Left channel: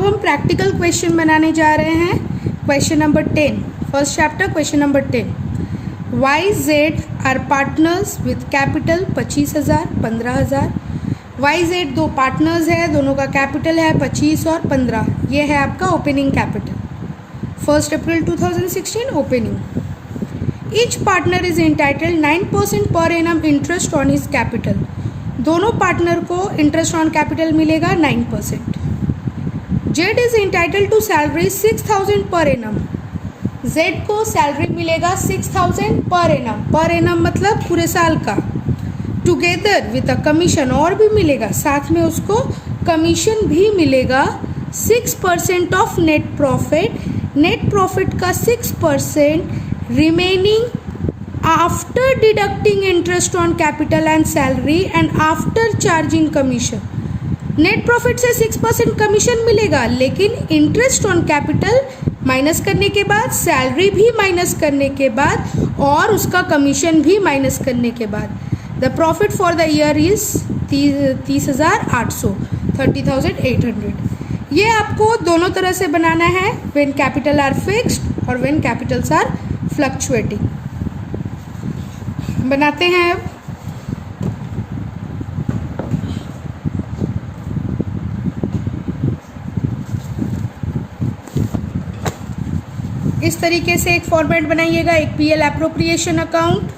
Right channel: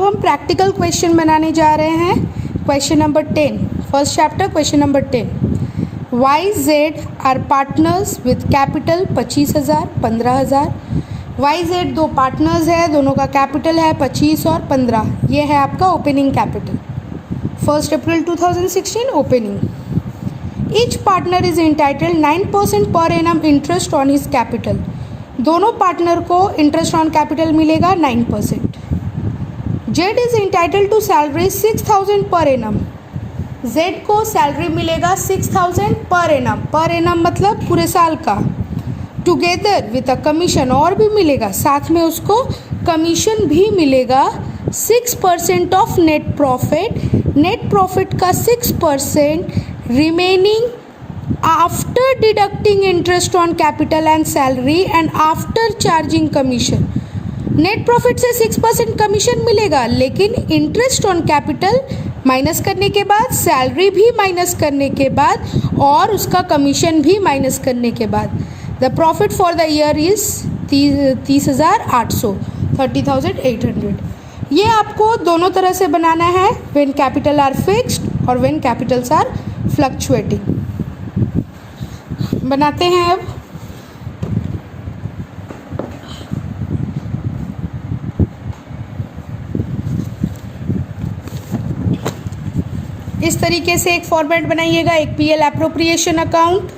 अब हम practical question बनाने जा रहे हैं। Question number 10, first chapter, question number 10। YZ are partners with capital 25,000, 15,000। YZ दो पार्टनर्स है, दोनों का कैपिटल है 25 और 15। ये है आपका opening capital. 1 April 2016 opening. Each partner is entitled 9% per annum interest on his capital. दोनों पार्टनर को इंटरेस्ट ऑन कैपिटल मिलेगा 9%। Z is entitled to salary 6,000 per annum. Z को सैलरी मिलेगा 6,000 पर एनम। पर एनम मतलब पूरे साल का। Together with a commission, और भी मिलेगा, साथ में उसको कमीशन भी मिलेगा 6% of net profit. Net profit का 6% remaining after deducting interest on capital and salary and after charging commission. Net profit से 6% कमीशन मिलेगा, लेकिन इंटरेस्ट ऑन कैपिटल माइनस करने के बाद, सैलरी भी माइनस करने के बाद और उसका कमीशन भी माइनस करने के बाद the profit for the year is 30,800, 30,800। ये आपको दोनों तरह से बनाना है, व्हेन कैपिटल आर फिक्स्ड और व्हेन कैपिटल्स आर फ्लक्चुएटिंग। बनाते हैं अब। इस तरीके से एक फॉर्मेट बनाइएगा, एक पीएल एप्रोप्रिएशन अकाउंट,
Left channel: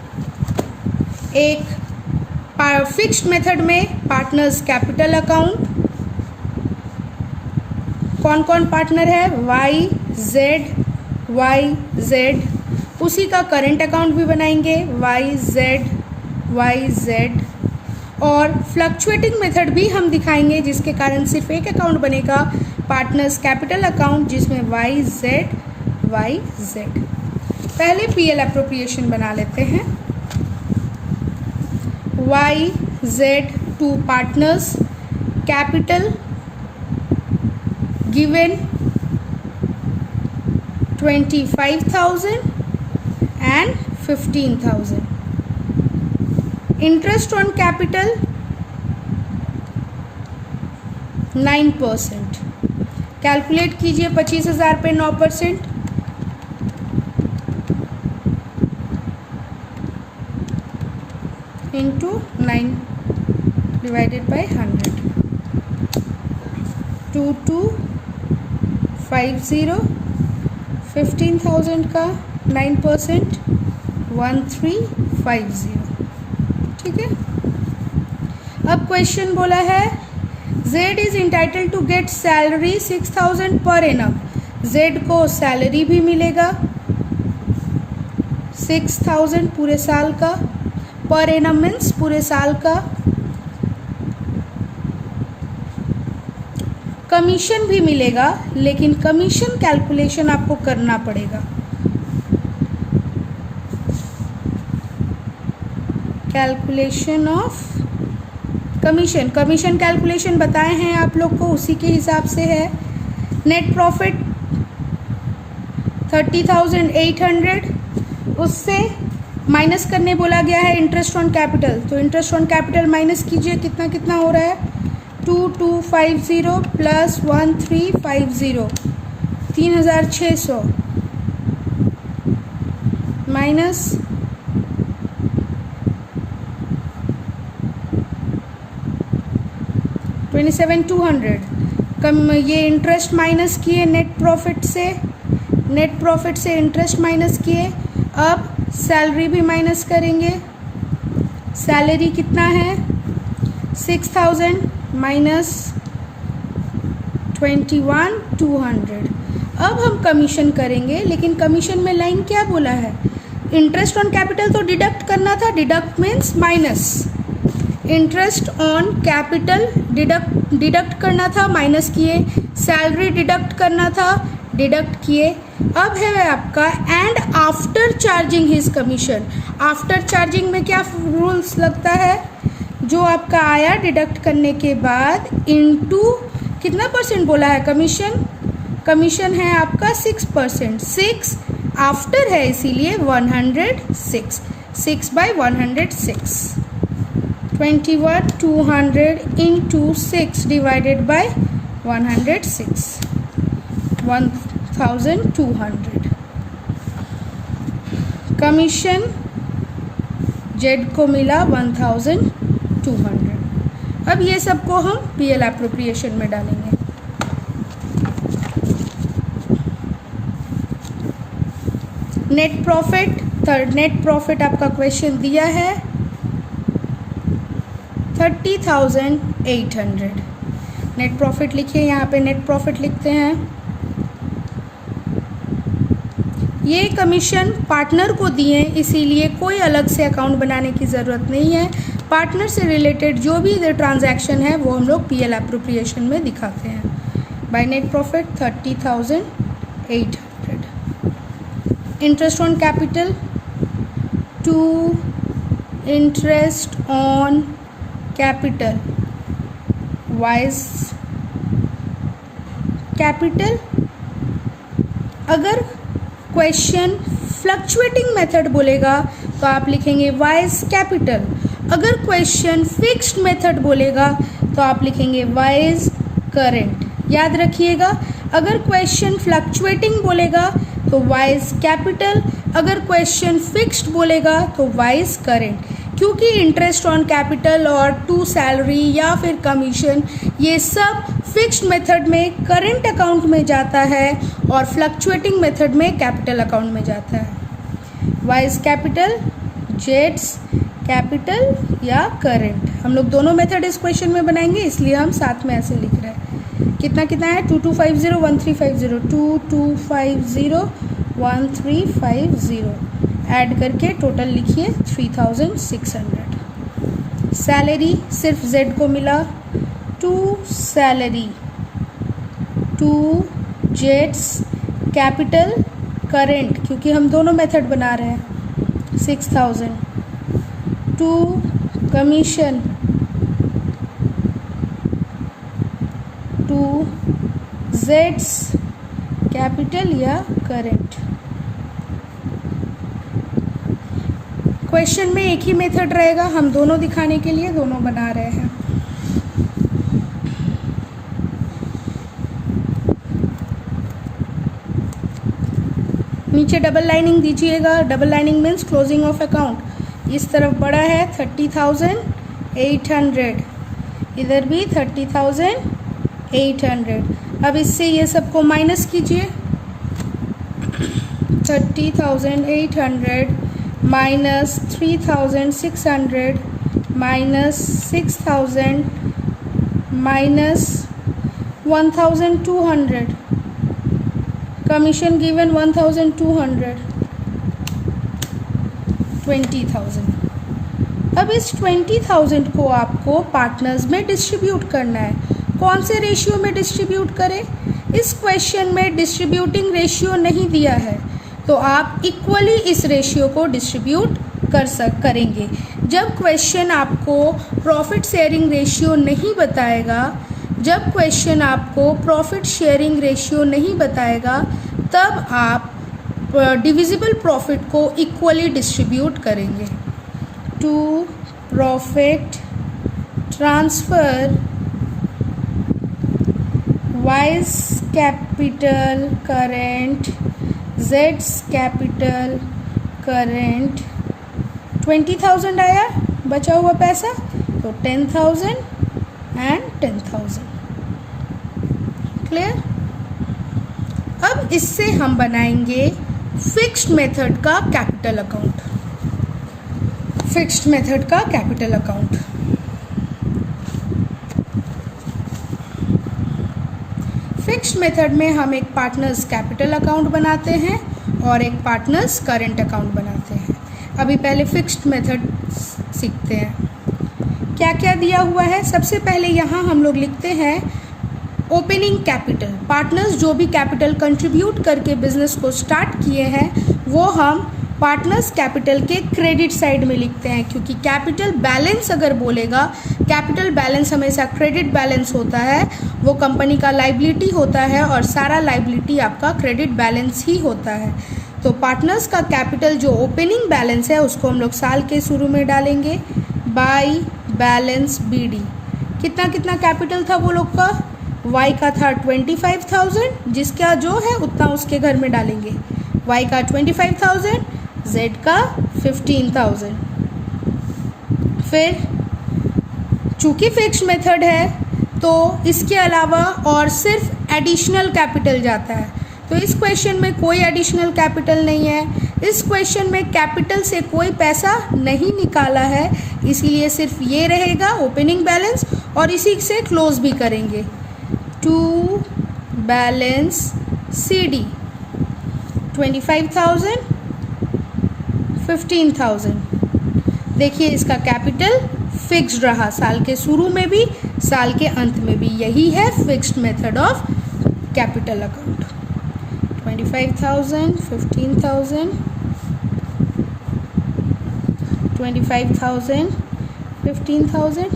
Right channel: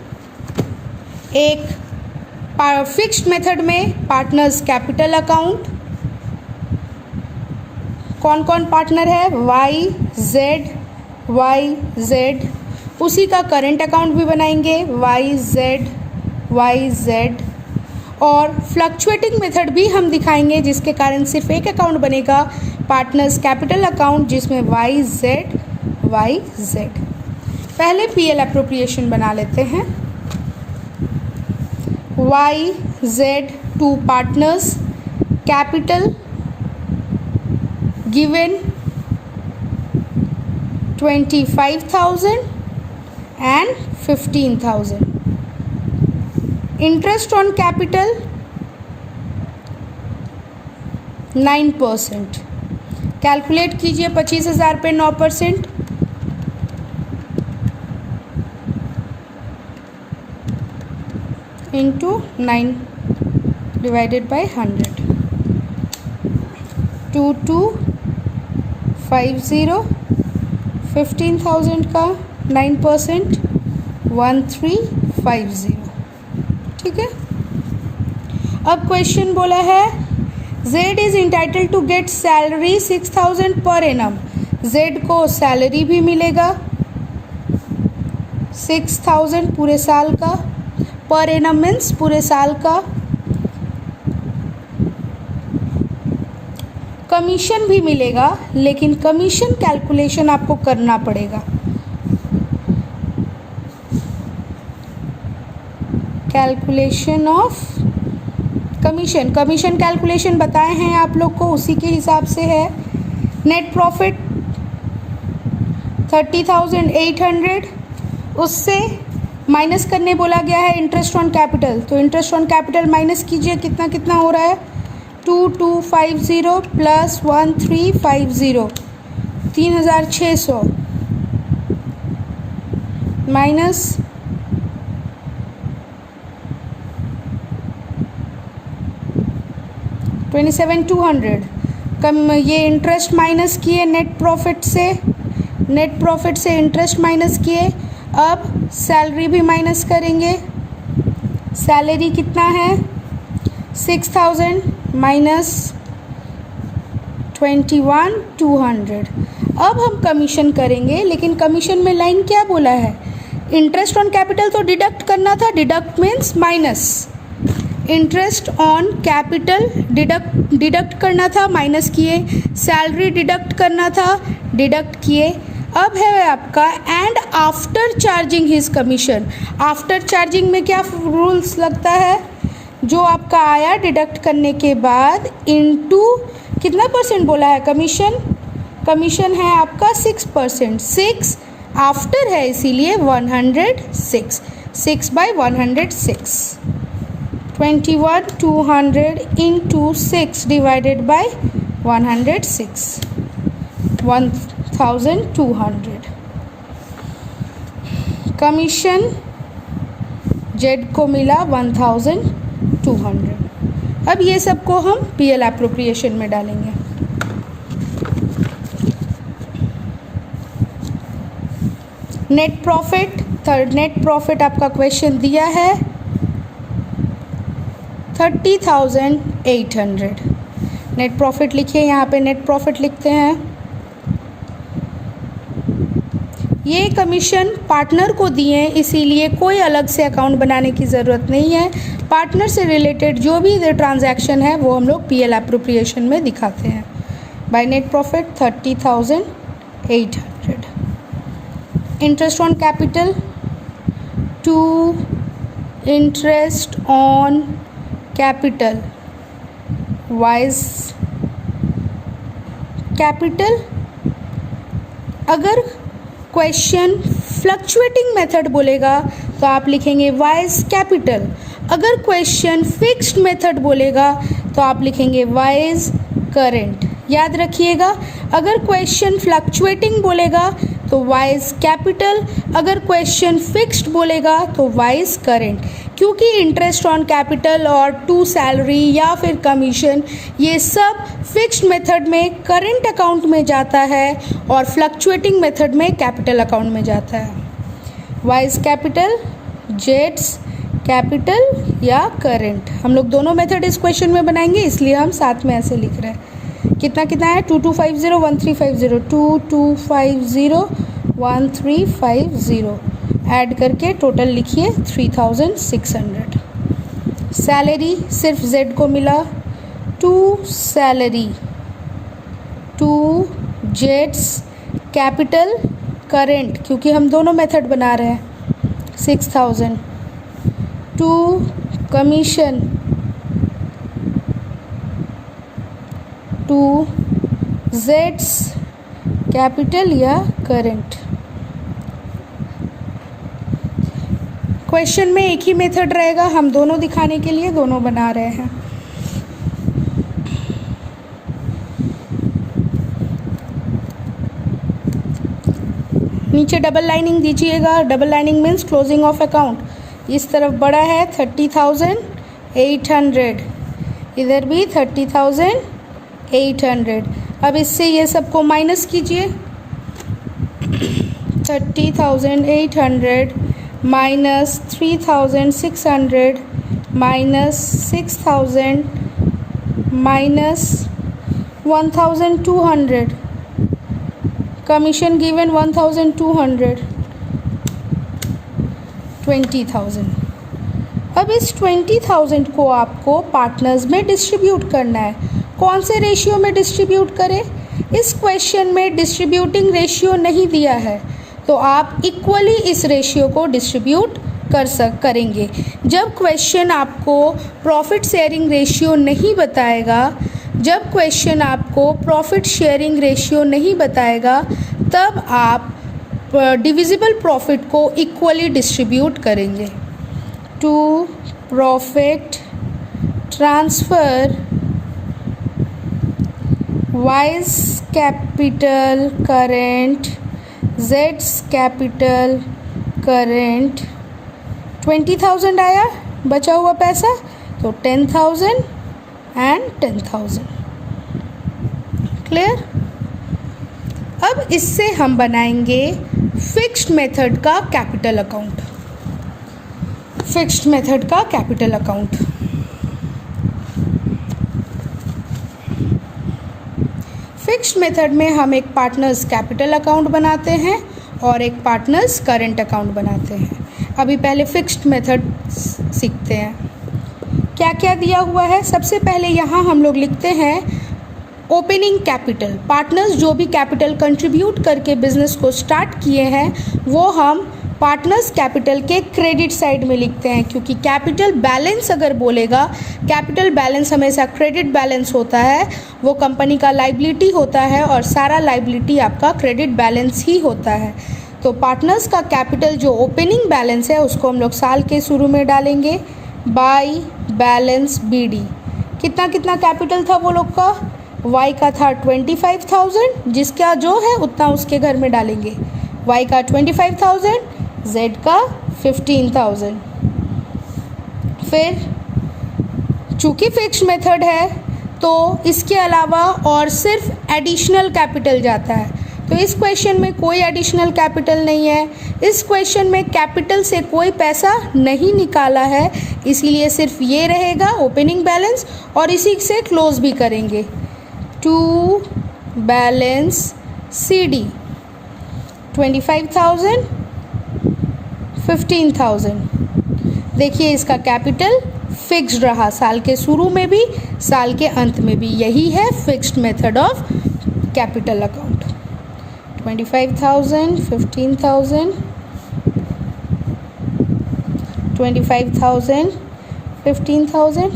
एक फिक्स्ड मेथड में पार्टनर्स कैपिटल अकाउंट। कौन कौन पार्टनर है? YZ। उसी का करंट अकाउंट भी बनाएंगे, YZ। और फ्लक्चुएटिंग मेथड भी हम दिखाएंगे, जिसके कारण सिर्फ एक अकाउंट बनेगा, पार्टनर्स कैपिटल अकाउंट, जिसमें YZ। पहले पीएल एप्रोप्रिएशन बना लेते हैं। YZ two partners capital given 25,000 and 15,000। Interest on capital 9%। Calculate कीजिए 25,000 पे 9%, इंटू 9 डिवाइडेड बाई 100। 2250। 15,000 का 9%, 1350। ठीक है। अब क्वेश्चन बोला है Z is entitled to get salary 6,000 per annum. Z को सैलरी भी मिलेगा 6,000 पूरे साल का। पर एनम मीन्स पूरे साल का। कमीशन भी मिलेगा, लेकिन कमीशन कैलकुलेशन आपको करना पड़ेगा। कैलकुलेशन ऑफ कमीशन कैलकुलेशन बताए हैं आप लोग को, उसी के हिसाब से है। नेट प्रॉफिट 30,800, उससे माइनस करने बोला गया है इंटरेस्ट ऑन कैपिटल, तो इंटरेस्ट ऑन कैपिटल माइनस कीजिए, कितना कितना हो रहा है? 2250 प्लस 1350, 3,600 माइनस 27,200। कम ये इंटरेस्ट माइनस किए नेट प्रॉफिट से इंटरेस्ट माइनस किए। अब सैलरी भी माइनस करेंगे। सैलरी कितना है? 6,000 माइनस 21,200। अब हम कमीशन करेंगे, लेकिन कमीशन में लाइन क्या बोला है? इंटरेस्ट ऑन कैपिटल तो डिडक्ट करना था, deduct means minus. Interest on capital deduct करना था, माइनस किए। सैलरी डिडक्ट करना था, डिडक्ट किए। अब है आपका and after charging his commission. After charging में क्या रूल्स लगता है? जो आपका आया डिडक्ट करने के बाद इनटू कितना परसेंट बोला है? कमीशन है आपका 6%। 6 आफ्टर है, इसीलिए 106। 6/106। 21,200 into 6 divided by 106। 1200। Commission Z को मिला 1200। अब ये सबको हम पीएल एप्रोप्रिएशन में डालेंगे। नेट प्रॉफिट आपका क्वेश्चन दिया है 30,800। नेट प्रॉफिट लिखिए, यहाँ पे नेट प्रॉफिट लिखते हैं। ये कमीशन पार्टनर को दिए, इसीलिए कोई अलग से अकाउंट बनाने की ज़रूरत नहीं है। पार्टनर से रिलेटेड जो भी ट्रांजैक्शन है वो हम लोग पीएल एप्रोप्रिएशन में दिखाते हैं। By net profit 30,800। Interest on capital to interest on capital Y's capital. अगर क्वेश्चन फ्लक्चुएटिंग मेथड बोलेगा तो आप लिखेंगे वाइज कैपिटल। अगर क्वेश्चन फिक्स्ड मेथड बोलेगा तो आप लिखेंगे वाइज करेंट। याद रखिएगा, अगर क्वेश्चन फ्लक्चुएटिंग बोलेगा तो वाइज कैपिटल, अगर क्वेश्चन फिक्स्ड बोलेगा तो वाइज करेंट। क्योंकि इंटरेस्ट ऑन कैपिटल और टू सैलरी या फिर कमीशन ये सब फिक्स्ड मेथड में करंट अकाउंट में जाता है और फ्लक्चुएटिंग मेथड में कैपिटल अकाउंट में जाता है। वाइज कैपिटल, जेड्स कैपिटल या करंट, हम लोग दोनों मेथड इस क्वेश्चन में बनाएंगे, इसलिए हम साथ में ऐसे लिख रहे हैं। कितना कितना है 2250 1350 2250 1350 ऐड करके टोटल लिखिए 3600। सैलरी सिर्फ जेड को मिला, टू सैलरी, टू जेड्स कैपिटल करेंट, क्योंकि हम दोनों मेथड बना रहे हैं 6000। टू कमीशन, टू जेड्स कैपिटल या करेंट। क्वेश्चन में एक ही मेथड रहेगा, हम दोनों दिखाने के लिए दोनों बना रहे हैं। नीचे डबल लाइनिंग दीजिएगा। Double lining means closing of account. इस तरफ बड़ा है 30,800, इधर भी 30,800। अब इससे ये सबको माइनस कीजिए। 30,800 minus 3,600 minus 6,000 minus 1,200। Commission given 1,200, 20,000। अब इस 20,000 को आपको पार्टनर्स में डिस्ट्रीब्यूट करना है। कौन से रेशियो में डिस्ट्रीब्यूट करें? इस क्वेश्चन में डिस्ट्रीब्यूटिंग रेशियो नहीं दिया है, तो आप इक्वली इस रेशियो को डिस्ट्रीब्यूट करेंगे। जब क्वेश्चन आपको प्रॉफिट शेयरिंग रेशियो नहीं बताएगा, जब क्वेश्चन आपको प्रॉफिट शेयरिंग रेशियो नहीं बताएगा, तब आप डिविजिबल प्रॉफिट को इक्वली डिस्ट्रीब्यूट करेंगे। To profit transfer Y's capital current जेड्स कैपिटल करेंट। 20,000 आया बचा हुआ पैसा, तो 10,000 एंड 10,000। क्लियर? अब इससे हम बनाएंगे फिक्स्ड मेथड का कैपिटल अकाउंट। फिक्स्ड मेथड का कैपिटल अकाउंट। फिक्स्ड मेथड में हम एक पार्टनर्स कैपिटल अकाउंट बनाते हैं और एक पार्टनर्स करंट अकाउंट बनाते हैं। अभी पहले फिक्स्ड मेथड सीखते हैं। क्या क्या दिया हुआ है? सबसे पहले यहाँ हम लोग लिखते हैं ओपनिंग कैपिटल। पार्टनर्स जो भी कैपिटल कंट्रीब्यूट करके बिजनेस को स्टार्ट किए हैं वो हम पार्टनर्स कैपिटल के क्रेडिट साइड में लिखते हैं, क्योंकि कैपिटल बैलेंस अगर बोलेगा, कैपिटल बैलेंस हमेशा क्रेडिट बैलेंस होता है, वो कंपनी का लाइबिलिटी होता है और सारा लाइबिलिटी आपका क्रेडिट बैलेंस ही होता है। तो पार्टनर्स का कैपिटल जो ओपनिंग बैलेंस है उसको हम लोग साल के शुरू में डालेंगे बाय बैलेंस BD। कितना कितना कैपिटल था वो लोग का? y का था 25,000, जिसका जो है उतना उसके घर में डालेंगे। y का 25,000, z का 15,000। फिर चूँकि फिक्स्ड मेथड है तो इसके अलावा और सिर्फ एडिशनल कैपिटल जाता है, तो इस क्वेश्चन में कोई एडिशनल कैपिटल नहीं है। इस क्वेश्चन में कैपिटल से कोई पैसा नहीं निकाला है, इसीलिए सिर्फ ये रहेगा ओपनिंग बैलेंस, और इसी से क्लोज भी करेंगे। To balance CD 25,000, 15,000। देखिए इसका कैपिटल फिक्स्ड रहा, साल के शुरू में भी साल के अंत में भी। यही है fixed method of capital account. 25,000, 15,000, 25,000, 15,000,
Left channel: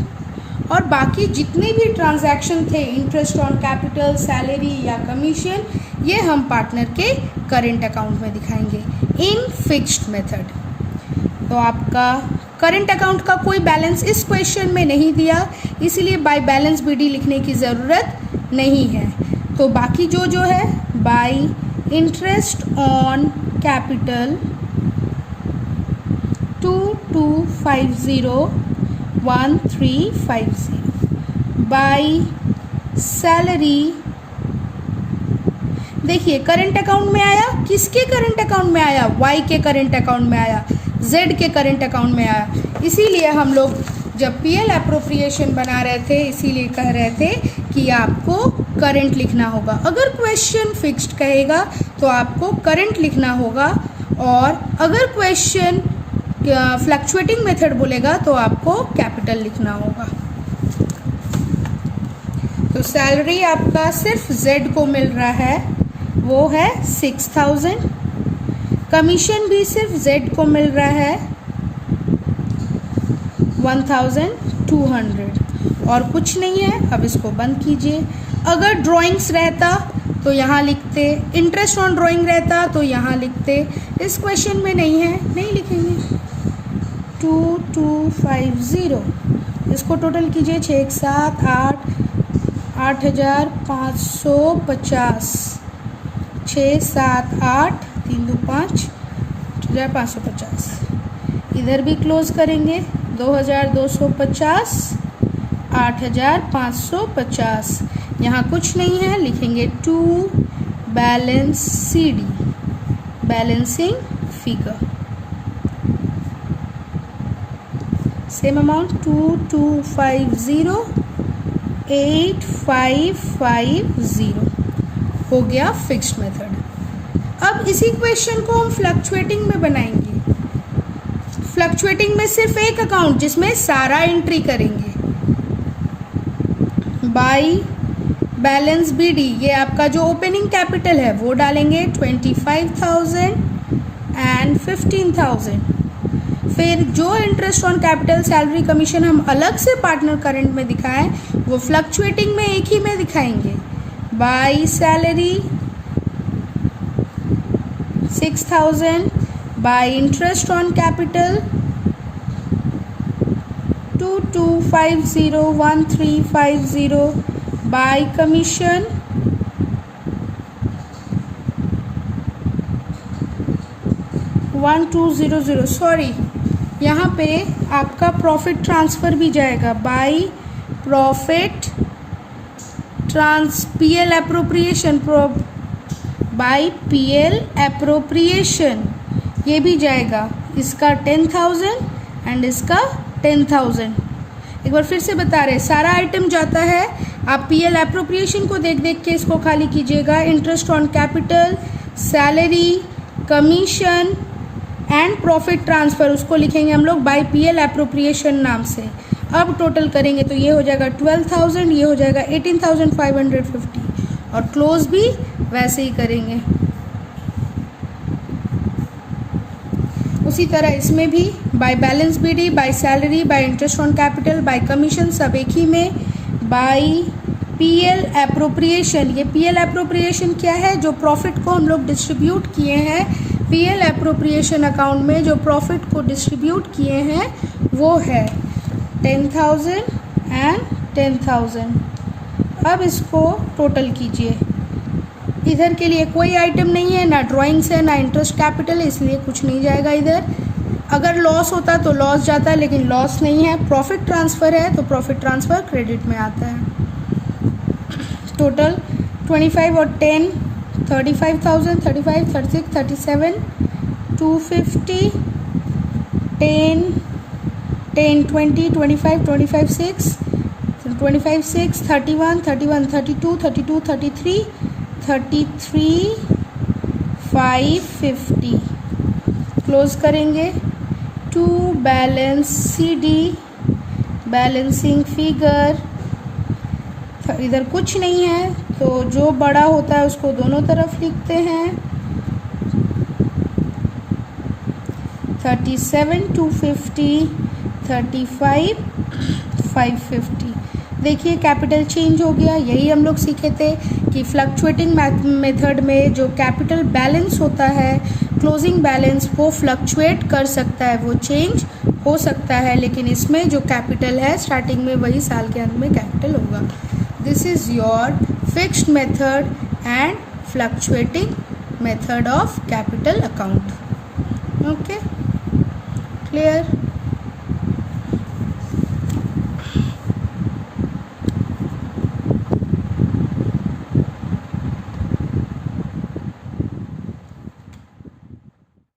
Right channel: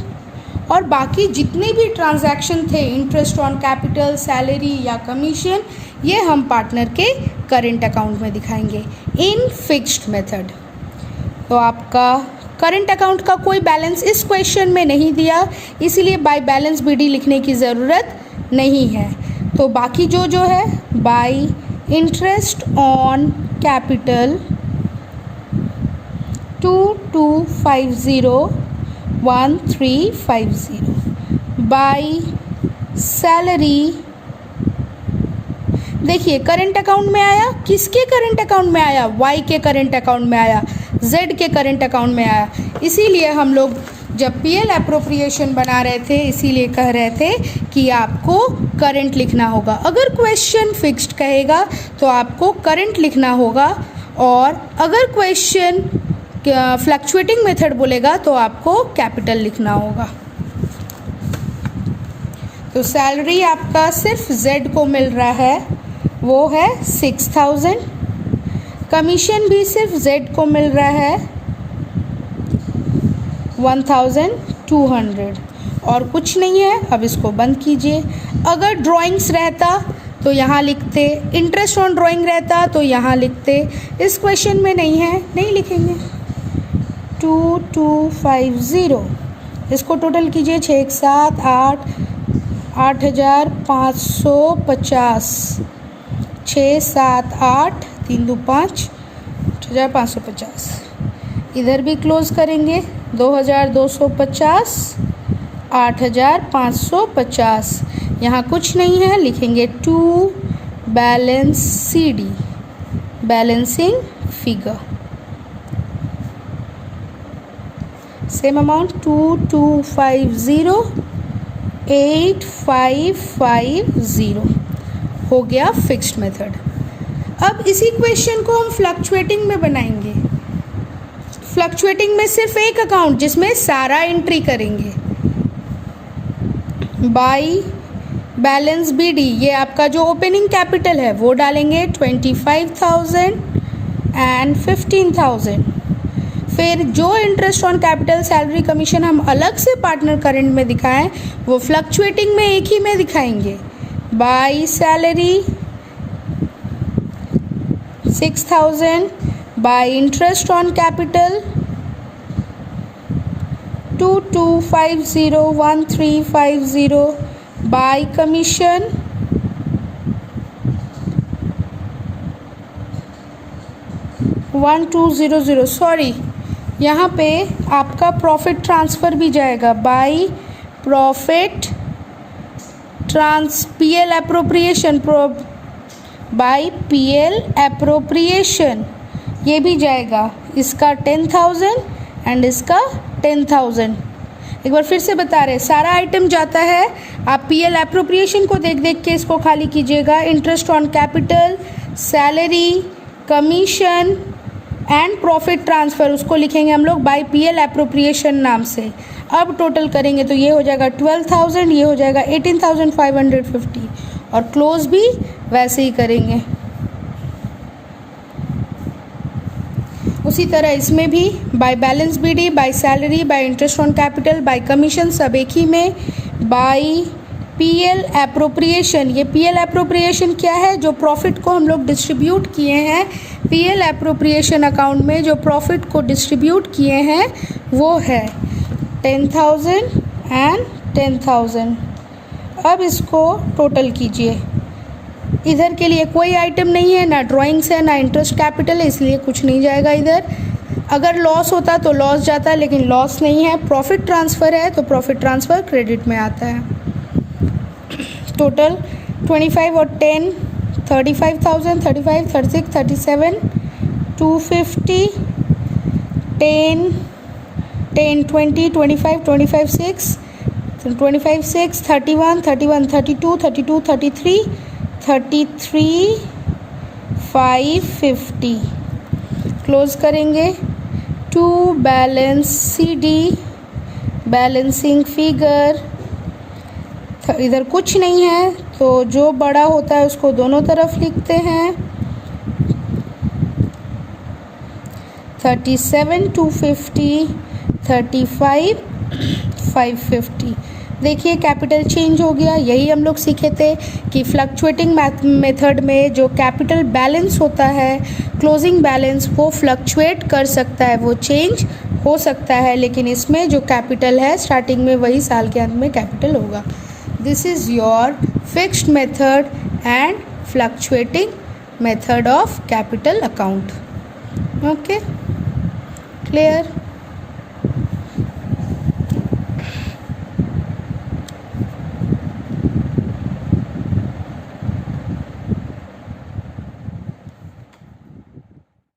और बाकी जितने भी ट्रांजैक्शन थे, इंटरेस्ट ऑन कैपिटल, सैलरी या कमीशन, ये हम पार्टनर के करेंट अकाउंट में दिखाएंगे इन फिक्स्ड मेथड। तो आपका करंट अकाउंट का कोई बैलेंस इस क्वेश्चन में नहीं दिया, इसीलिए बाय बैलेंस BD लिखने की ज़रूरत नहीं है। तो बाकी जो है bye interest on capital 22501350, by salary. देखिए करंट अकाउंट में आया, किसके करंट अकाउंट में आया? Y के करंट अकाउंट में आया, Z के करंट अकाउंट में आया। इसीलिए हम लोग जब PL एप्रोप्रिएशन बना रहे थे, इसीलिए कह रहे थे कि आपको करंट लिखना होगा। अगर क्वेश्चन फिक्स्ड कहेगा तो आपको करंट लिखना होगा, और अगर क्वेश्चन फ्लक्चुएटिंग मेथड बोलेगा तो आपको कैपिटल लिखना होगा। तो सैलरी आपका सिर्फ Z को मिल रहा है, वो है 6,000। कमीशन भी सिर्फ Z को मिल रहा है 1,200, और कुछ नहीं है। अब इसको बंद कीजिए। अगर ड्राइंग्स रहता तो यहाँ लिखते, इंटरेस्ट ऑन ड्राइंग रहता तो यहाँ लिखते। इस क्वेश्चन में नहीं है, नहीं लिखेंगे। 2250, इसको टोटल कीजिए। 6 7 8 8,550, 6 7 8 3 2 5 8,550। इधर भी क्लोज करेंगे। 2,250, 8,550। यहाँ कुछ नहीं है, लिखेंगे to balance CD, balancing figure. Same amount 2250, 8,550 हो गया फिक्स्ड मेथड। अब इसी क्वेश्चन को हम फ्लक्चुएटिंग में बनाएंगे। फ्लक्चुएटिंग में सिर्फ एक अकाउंट जिसमें सारा एंट्री करेंगे। बाय बैलेंस BD, ये आपका जो ओपनिंग कैपिटल है वो डालेंगे 25,000 एंड 15,000। फिर जो interest on capital, salary, commission हम अलग से पार्टनर करंट में दिखाएं, वो फ्लक्चुएटिंग में एक ही में दिखाएंगे। By salary 6,000, by interest on capital 2250, 1350, by commission 1200। Sorry, यहाँ पे आपका प्रॉफिट ट्रांसफ़र भी जाएगा। By profit PL appropriation, by PL appropriation ये भी जाएगा। इसका 10,000 एंड इसका 10,000। एक बार फिर से बता रहे, सारा आइटम जाता है। आप PL एप्रोप्रिएशन को देख देख के इसको खाली कीजिएगा। Interest on capital, salary, commission and profit transfer, उसको लिखेंगे हम लोग बाय PL एप्रोप्रिएशन नाम से। अब टोटल करेंगे तो ये हो जाएगा 12,000, ये हो जाएगा 18,550, और क्लोज भी वैसे ही करेंगे। उसी तरह इसमें भी by balance BD, by salary, bye interest on capital, bye commission सब एक ही में। बाय PL एप्रोप्रिएशन, ये PL एप्रोप्रिएशन क्या है? जो प्रॉफिट को हम लोग डिस्ट्रीब्यूट किए हैं, PL एप्रोप्रिएशन अकाउंट में जो प्रॉफिट को डिस्ट्रीब्यूट किए हैं वो है 10,000 एंड 10,000। अब इसको टोटल कीजिए। इधर के लिए कोई आइटम नहीं है, ना ड्राइंग्स है ना इंटरेस्ट कैपिटल है, इसलिए कुछ नहीं जाएगा इधर। अगर लॉस होता तो लॉस जाता है, लेकिन लॉस नहीं है। प्रॉफिट ट्रांसफ़र है तो प्रॉफिट ट्रांसफ़र क्रेडिट में आता है। टोटल 25 और 10 35,000, 35, 36, 37, 250, 10, 10, 20, 25, 25, 6, 25, 6, 31, 31, 32, 32, 33, 33, 550 क्लोज करेंगे। To balance CD balancing figure, इधर कुछ नहीं है तो जो बड़ा होता है उसको दोनों तरफ लिखते हैं। 37 250, 35 550। देखिए कैपिटल चेंज हो गया। यही हम लोग सीखे थे कि फ्लक्चुएटिंग मेथड में जो कैपिटल बैलेंस होता है, क्लोजिंग बैलेंस, वो फ्लक्चुएट कर सकता है, वो चेंज हो सकता है, लेकिन इसमें जो कैपिटल है स्टार्टिंग में वही साल के अंत में कैपिटल होगा। This is your fixed method and fluctuating method of capital account. Okay, clear?